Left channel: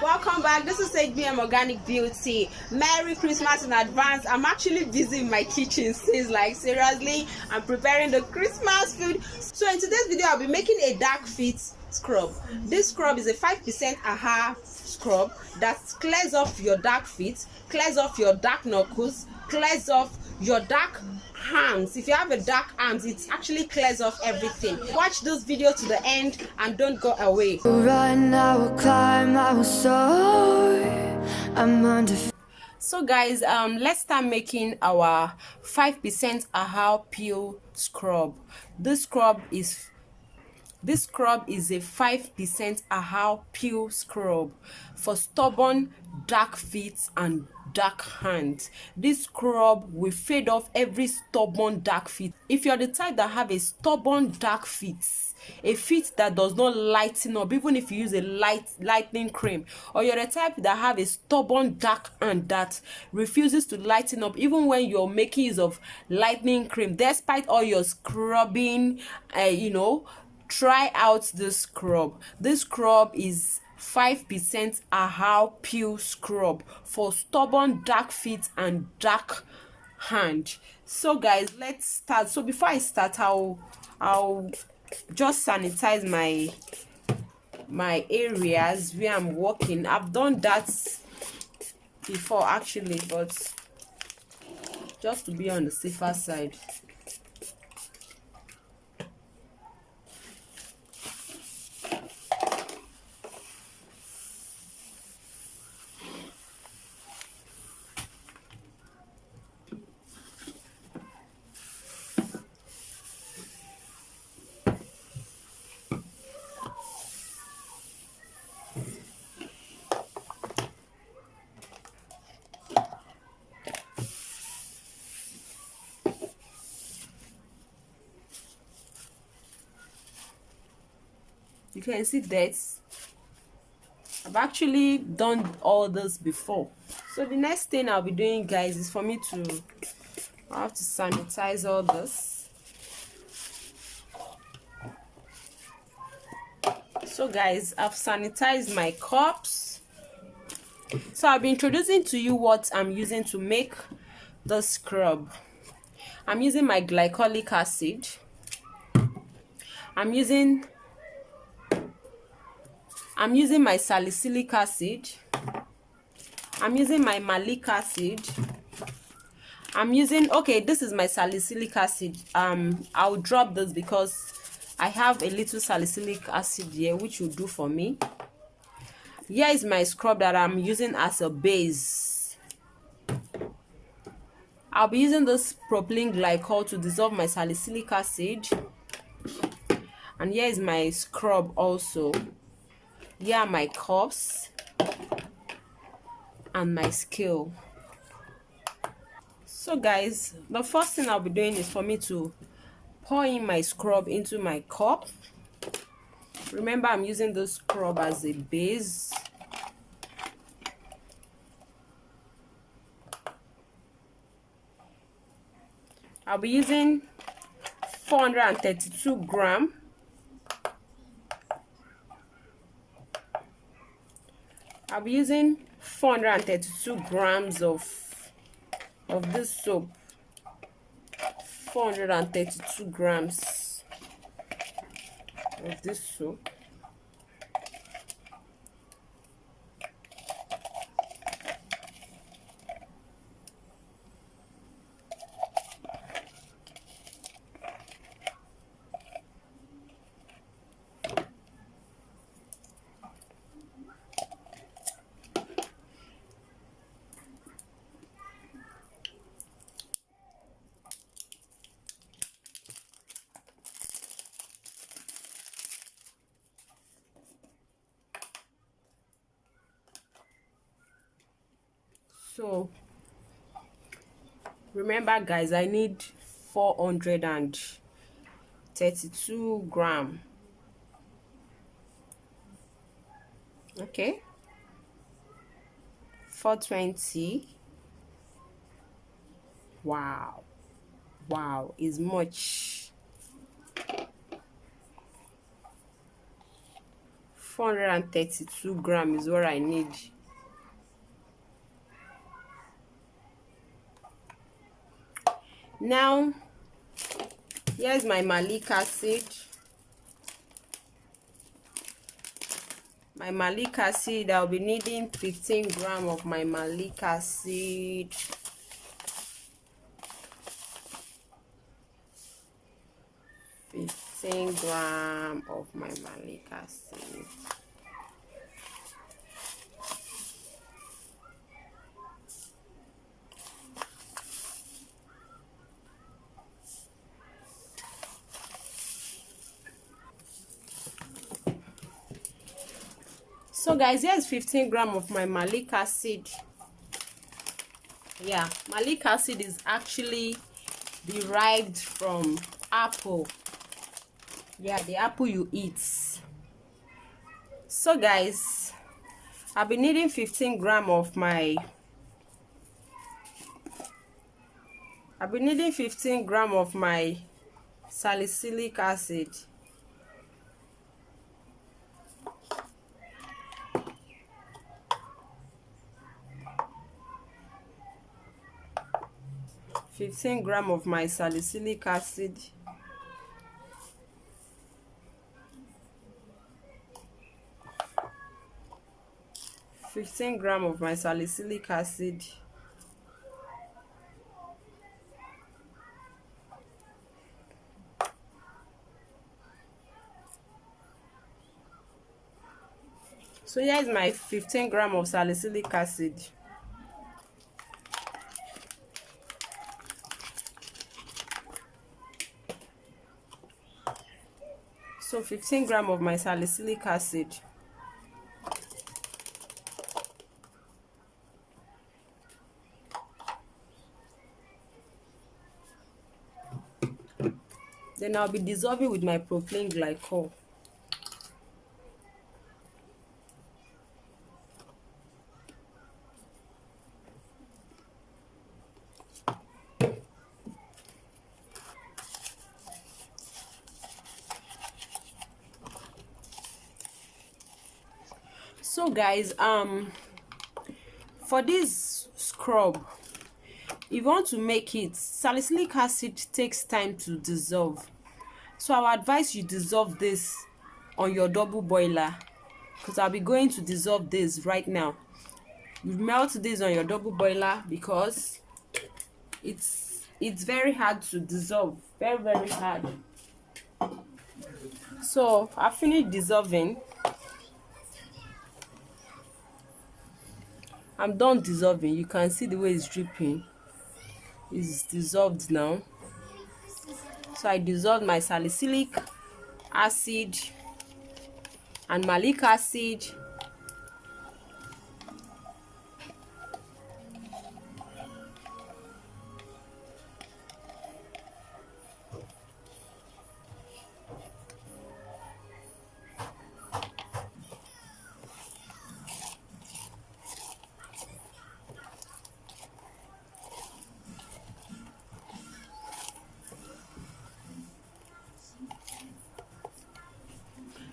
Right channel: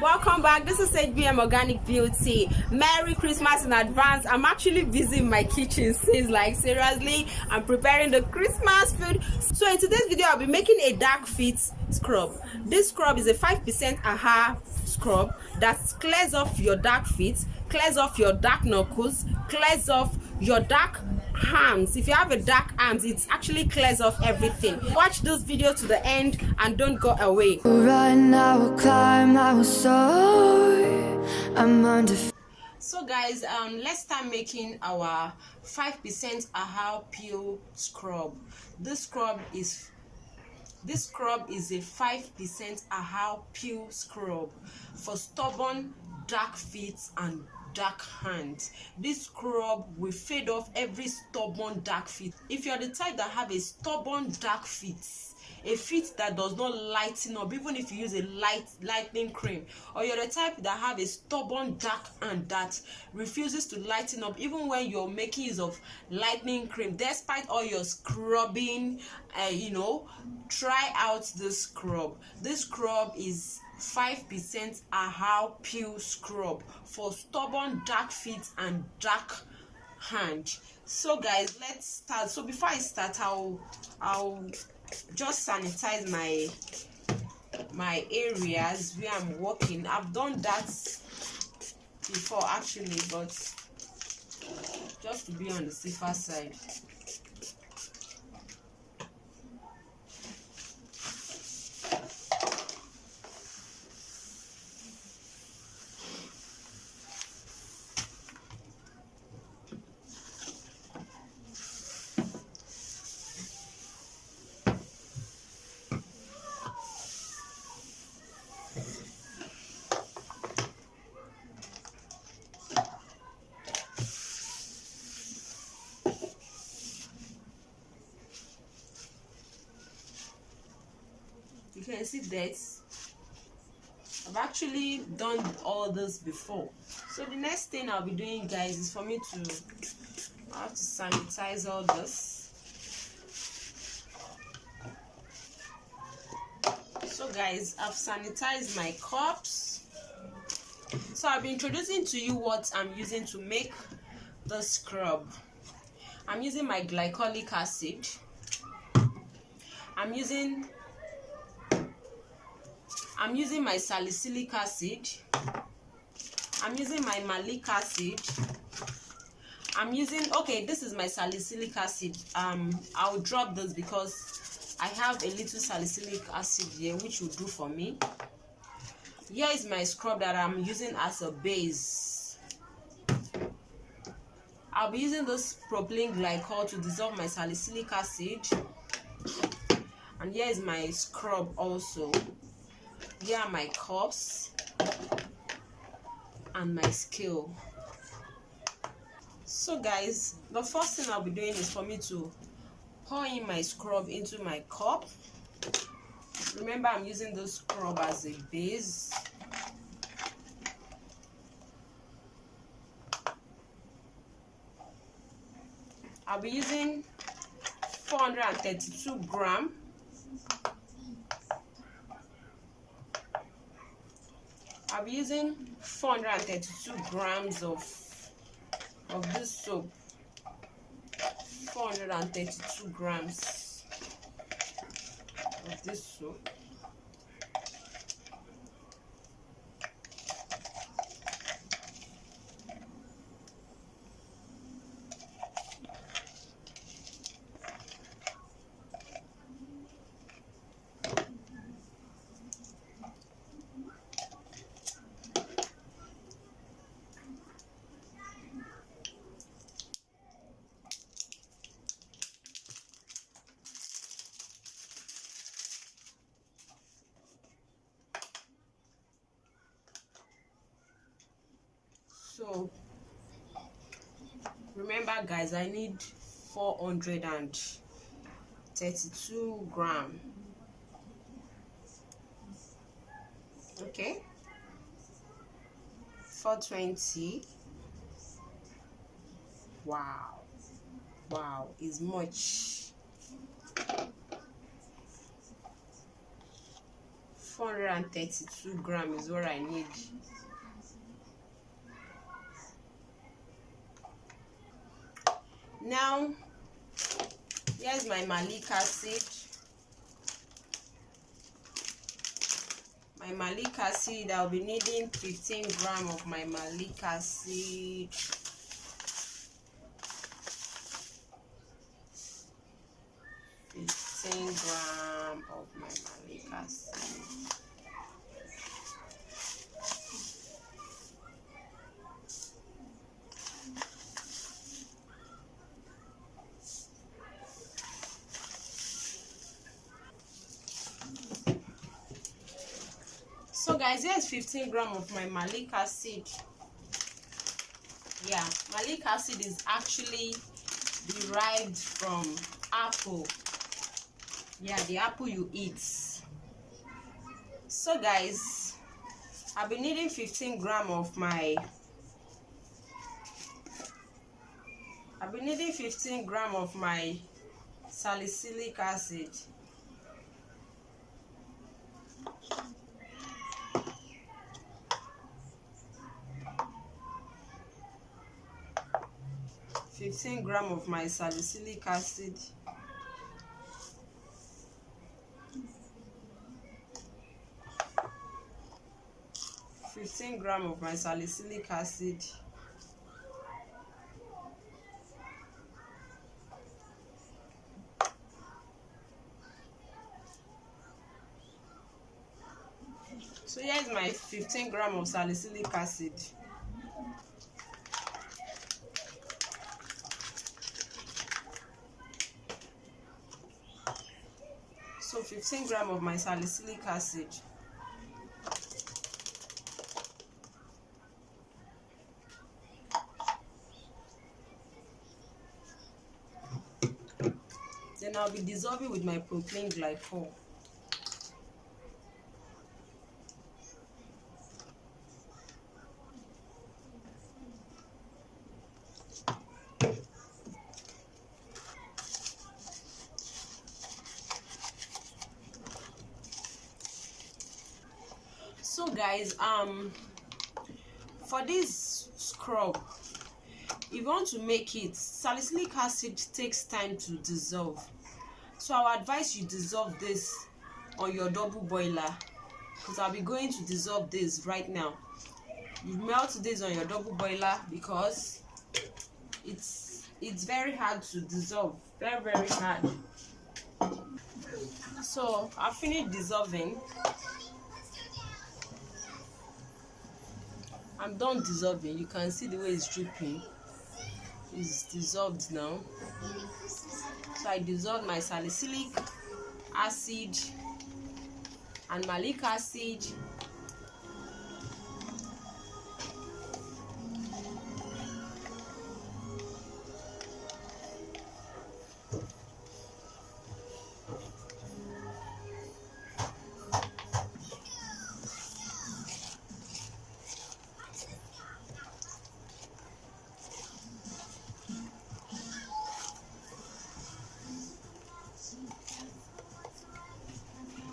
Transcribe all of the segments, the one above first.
Welcome back. This is HBM Organic Beauty. Merry Christmas in advance. I'm actually busy in my kitchen since, like, seriously, I'm preparing the Christmas food. So in today's video, I'll be making a dark fit scrub. This scrub is a 5% AHA scrub that clears off your dark feet, clears off your dark knuckles, clears off your dark arms. If you have a dark arms, it actually clears off everything. Watch this video to the end and don't go away. Run, I will climb, I will soar. I'm under. So guys, let's start making our 5% AHA peel scrub. This scrub is a 5% AHA peel scrub for stubborn dark feet and dark hands. This scrub will fade off every stubborn dark feet. If you're the type that have a stubborn dark feet, a feet that does not lighten up even if you use a lightening cream, or you're the type that have a stubborn dark hand that refuses to lighten up even when you're making use of lightening cream, despite all your scrubbing, try out this scrub. This scrub is 5% AHA peel scrub for stubborn dark feet and dark hand. So guys, let's start. So before I start, I'll just sanitize my areas where I'm working. I've done that before actually, but just to be on the safer side. You can see that I've actually done all this before. So the next thing I'll be doing, guys, is for me to sanitize all this. So guys, I've sanitized my cups. So I'll be introducing to you what I'm using to make the scrub. I'm using my glycolic acid. I'm using my salicylic acid. I'm using my malic acid. This is my salicylic acid. I'll drop this because I have a little salicylic acid here, which will do for me. Here is my scrub that I'm using as a base. I'll be using this propylene glycol to dissolve my salicylic acid. And here is my scrub also. Here are my cups and my scale. So guys, the first thing I'll be doing is for me to pour in my scrub into my cup. Remember, I'm using this scrub as a base. I'll be using 432 grams. I'll be using 432 grams of this soap. 432 grams of this soap. So remember guys, I need 432 grams. Okay, 420. Wow, is much. 432 grams is what I need. Now, here's my malic acid. My malic acid, I'll be needing 15 grams of my malic acid. 15 grams of my malic acid. So guys, here's 15 grams of my malic acid. Yeah, malic acid is actually derived from apple. Yeah, the apple you eat. So guys, I'll be needing 15 grams of my salicylic acid. Fifteen grams of my salicylic acid. Of my salicylic acid. So here's my 15 grams of salicylic acid. So 15 grams of my salicylic acid. Then I'll be dissolving with my propylene glycol. So guys, for this scrub, if you want to make it, salicylic acid takes time to dissolve. So I would advise you dissolve this on your double boiler, because I'll be going to dissolve this right now. You melt this on your double boiler because it's very hard to dissolve, very hard. So I finished dissolving. I'm done dissolving. You can see the way it's dripping. It's dissolved now. So I dissolved my salicylic acid and malic acid.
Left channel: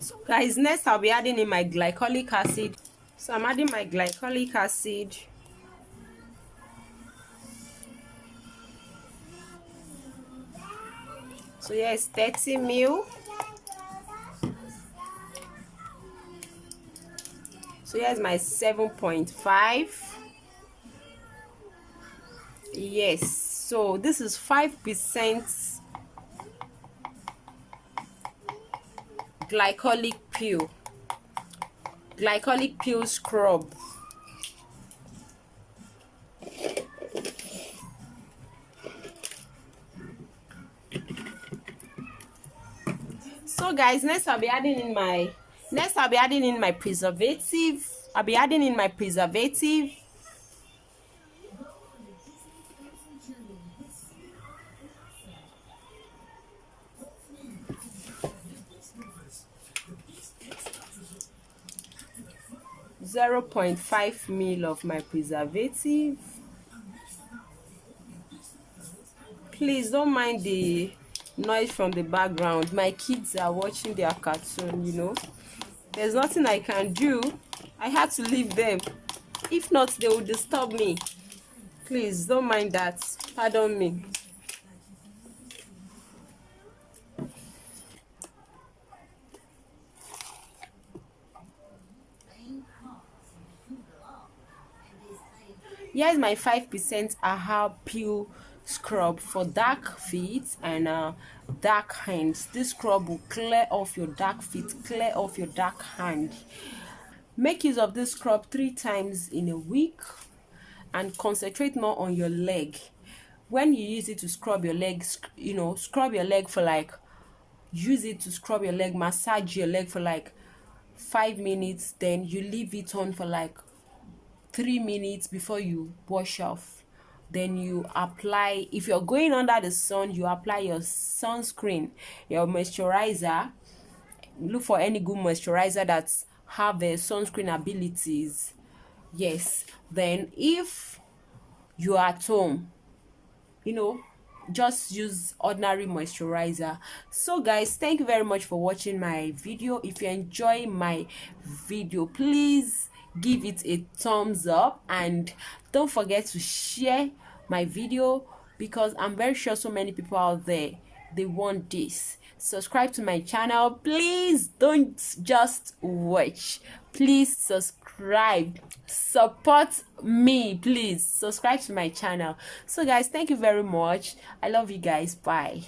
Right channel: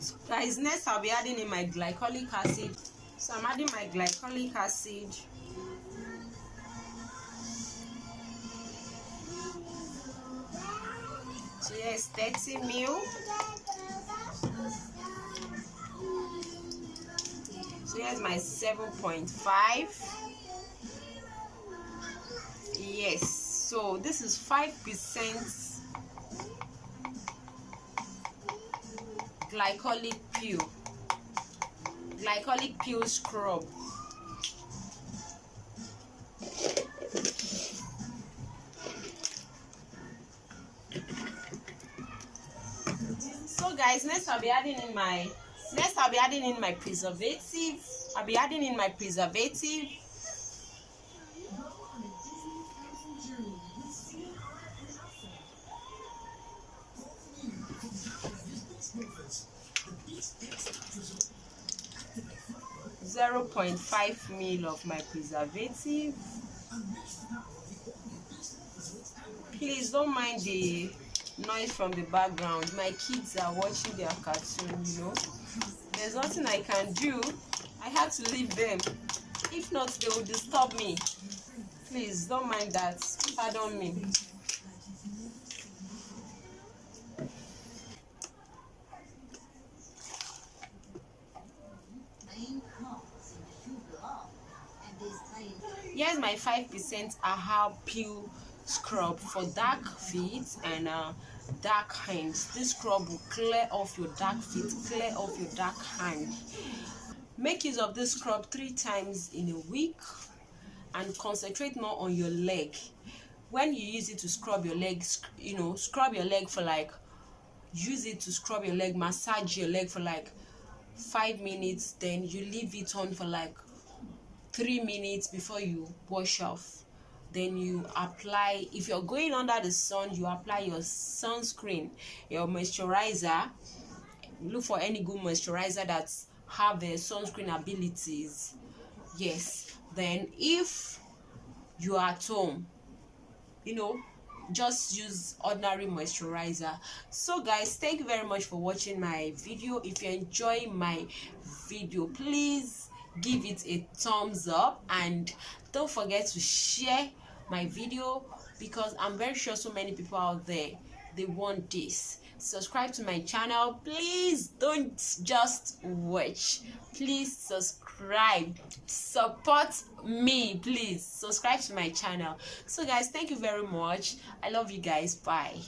So guys, next I'll be adding in my glycolic acid. So I'm adding my glycolic acid. So yes, 30 ml. So here's my 7.5. Yes, so this is 5% glycolic peel scrub. So guys, next I'll be adding in my preservative. I'll be adding in my preservative. .5 ml of my preservative. Please don't mind the noise from the background. My kids are watching their cartoon, you know. There's nothing I can do. I had to leave them. If not, they will disturb me. Please don't mind that. Pardon me. Here's my 5% aha peel scrub for dark feet and dark hands. This scrub will clear off your dark feet, clear off your dark hand. Make use of this scrub 3 times in a week and concentrate more on your leg. When you use it to scrub your legs, scrub your leg for like, use it to scrub your leg, massage your leg for like 5 minutes, then you leave it on for like 3 minutes before you wash off. Then you apply, if you're going under the sun, you apply your sunscreen, your moisturizer. Look for any good moisturizer that have the sunscreen abilities. Yes, then if you are at home, just use ordinary moisturizer. So guys, thank you very much for watching my video. If you enjoy my video, please give it a thumbs up and don't forget to share my video, because I'm very sure so many people out there, they want this. Subscribe to my channel, please. Don't just watch, please subscribe, support me, please subscribe to my channel. So guys, thank you very much. I love you guys. Bye.